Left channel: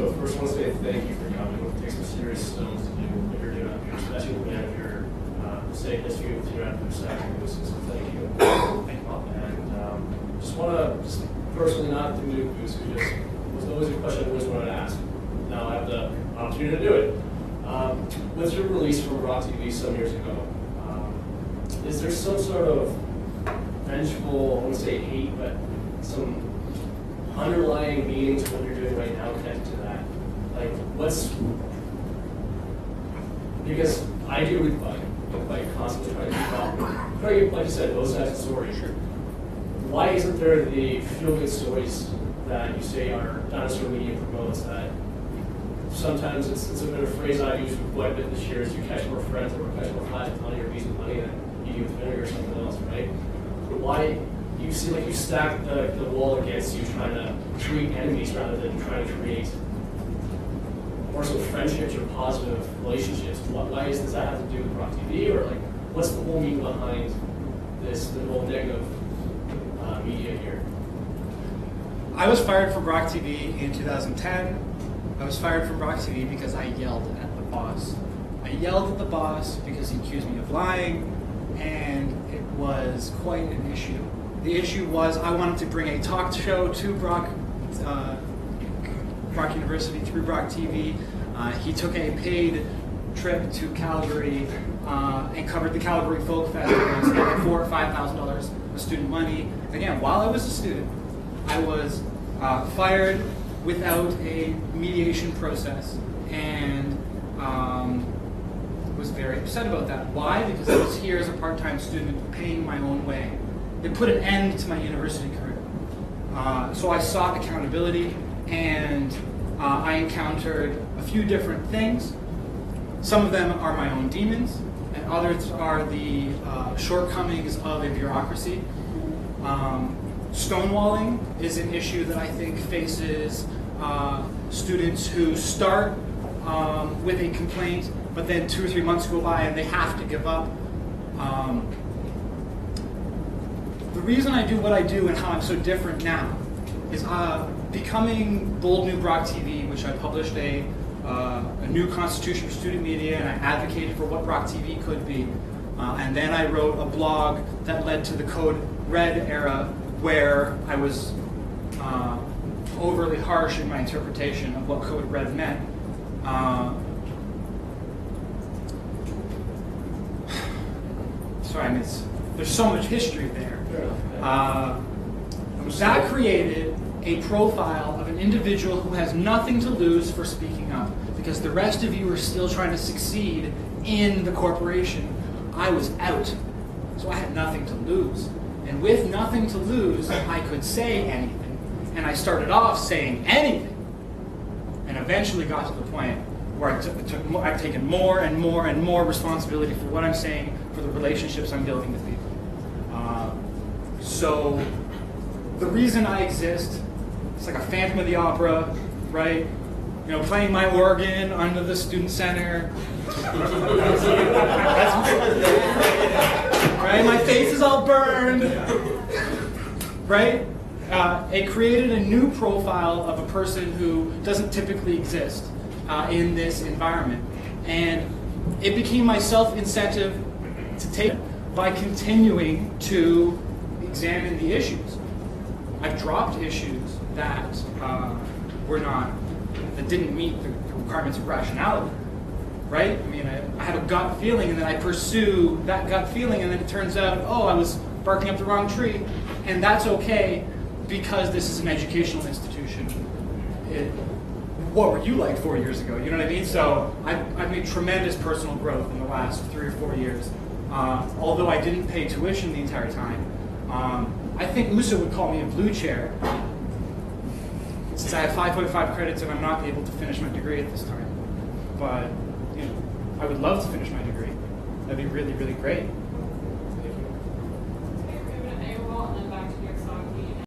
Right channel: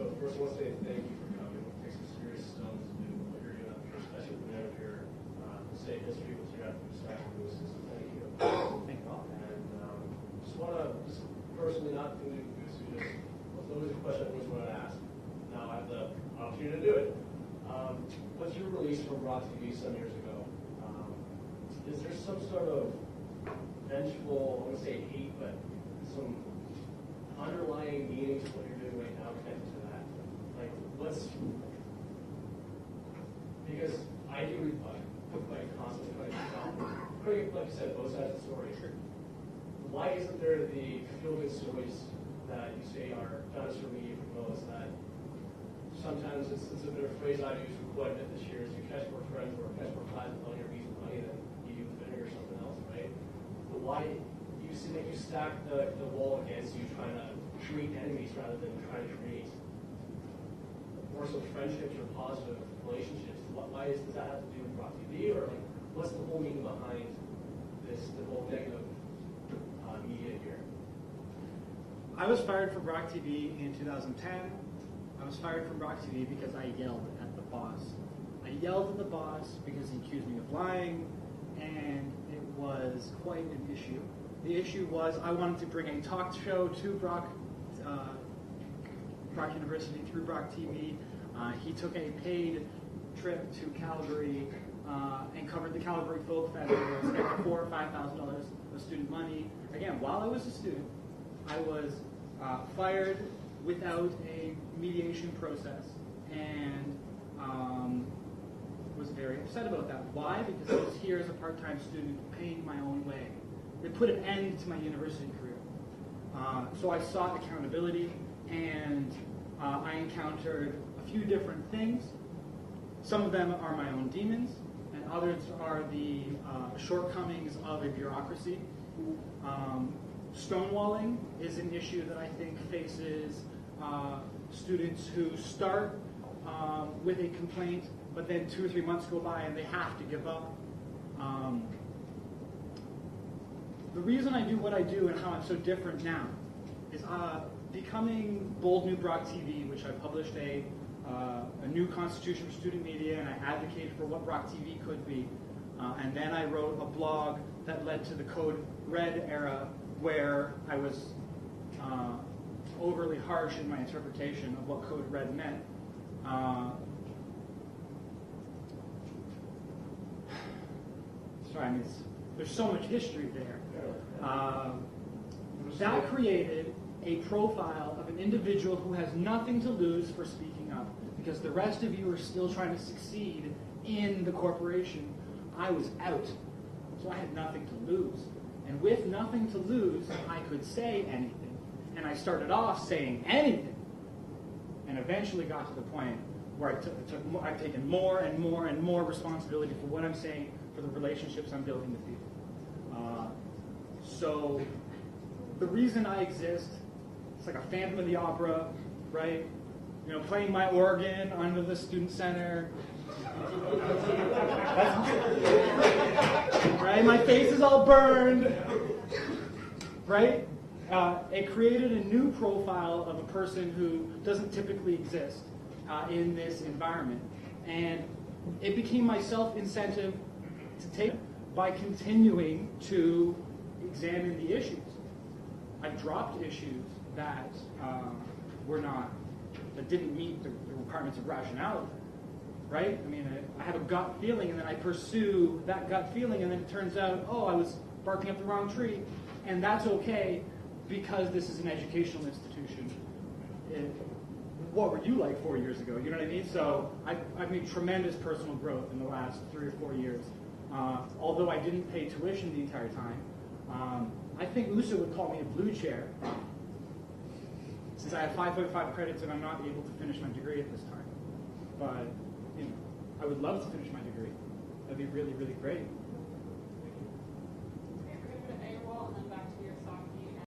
So first, I want to say thank you for coming. It takes some serious stones to do what you're doing up here, especially looking at your state history with your second. So thank you. Thank you all. And just want to, personally, not to move Goose, who just was always a question I always wanted to ask. Now I have the opportunity to do it. Was your release from Rock TV some years ago? Is there some sort of vengeful, I wouldn't say hate, but some underlying meaning to what you're doing right now connected to that? Like, because I do with like constantly trying to keep up. Like you said, those types of stories. Sure. Why isn't there the feel-good stories that you say are dinosaur media promotes that sometimes it's a bit of a phrase I've used quite a bit this year is you catch more friends or catch more flies with money or bees with money than you do with vinegar or something else, right? But why you seem like you stack the wall against you trying to create enemies rather than trying to create more so friendships or positive relationships? Why does that have to do with Rock TV, or like what's the whole meaning behind the whole negative media here? I was fired from Rock TV in 2010. I was fired from Rock TV because I yelled at the boss. I yelled at the boss because he accused me of lying, and it was quite an issue. The issue was I wanted to bring a talk show to Brock University through Brock TV. He took a paid trip to Calgary and covered the Calgary Folk Festival and spent like $4,000 or $5,000 of student money. Again, while I was a student, I was fired without a mediation process, and was very upset about that. Why? Because I was here as a part-time student paying my own way. It put an end to my university career. So I sought accountability, and I encountered a few different things. Some of them are my own demons, and others are the shortcomings of a bureaucracy. Stonewalling is an issue that I think faces students who start with a complaint, but then 2 or 3 months go by and they have to give up. The reason I do what I do and how I'm so different now is becoming Bold New Brock TV, which I published a new constitution for student media, and I advocated for what Brock TV could be. And then I wrote a blog that led to the Code Red era, where I was overly harsh in my interpretation of what Code Red meant. Sorry, I mean, there's so much history there. That created a profile of an individual who has nothing to lose for speaking up, because the rest of you are still trying to succeed in the corporation. I was out, so I had nothing to lose. And with nothing to lose, I could say anything. And I started off saying anything, and eventually got to the point where I've taken more and more and more responsibility for what I'm saying, for the relationships I'm building with people. So the reason I exist, it's like a Phantom of the Opera, right? You know, playing my organ under the student center. Right? My face is all burned. Right? It created a new profile of a person who doesn't typically exist in this environment. And it became my self-incentive to take by continuing to examine the issues. I've dropped issues that that didn't meet the requirements of rationality, right? I mean, I have a gut feeling, and then I pursue that gut feeling, and then it turns out, oh, I was barking up the wrong tree, and that's okay because this is an educational institution. What were you like 4 years ago? You know what I mean? So I've made tremendous personal growth in the last 3 or 4 years, although I didn't pay tuition the entire time. I think USA would call me a blue chair, since I have 5.5 credits and I'm not able to finish my degree at this time. But, you know, I would love to finish my degree. That'd be really, really great.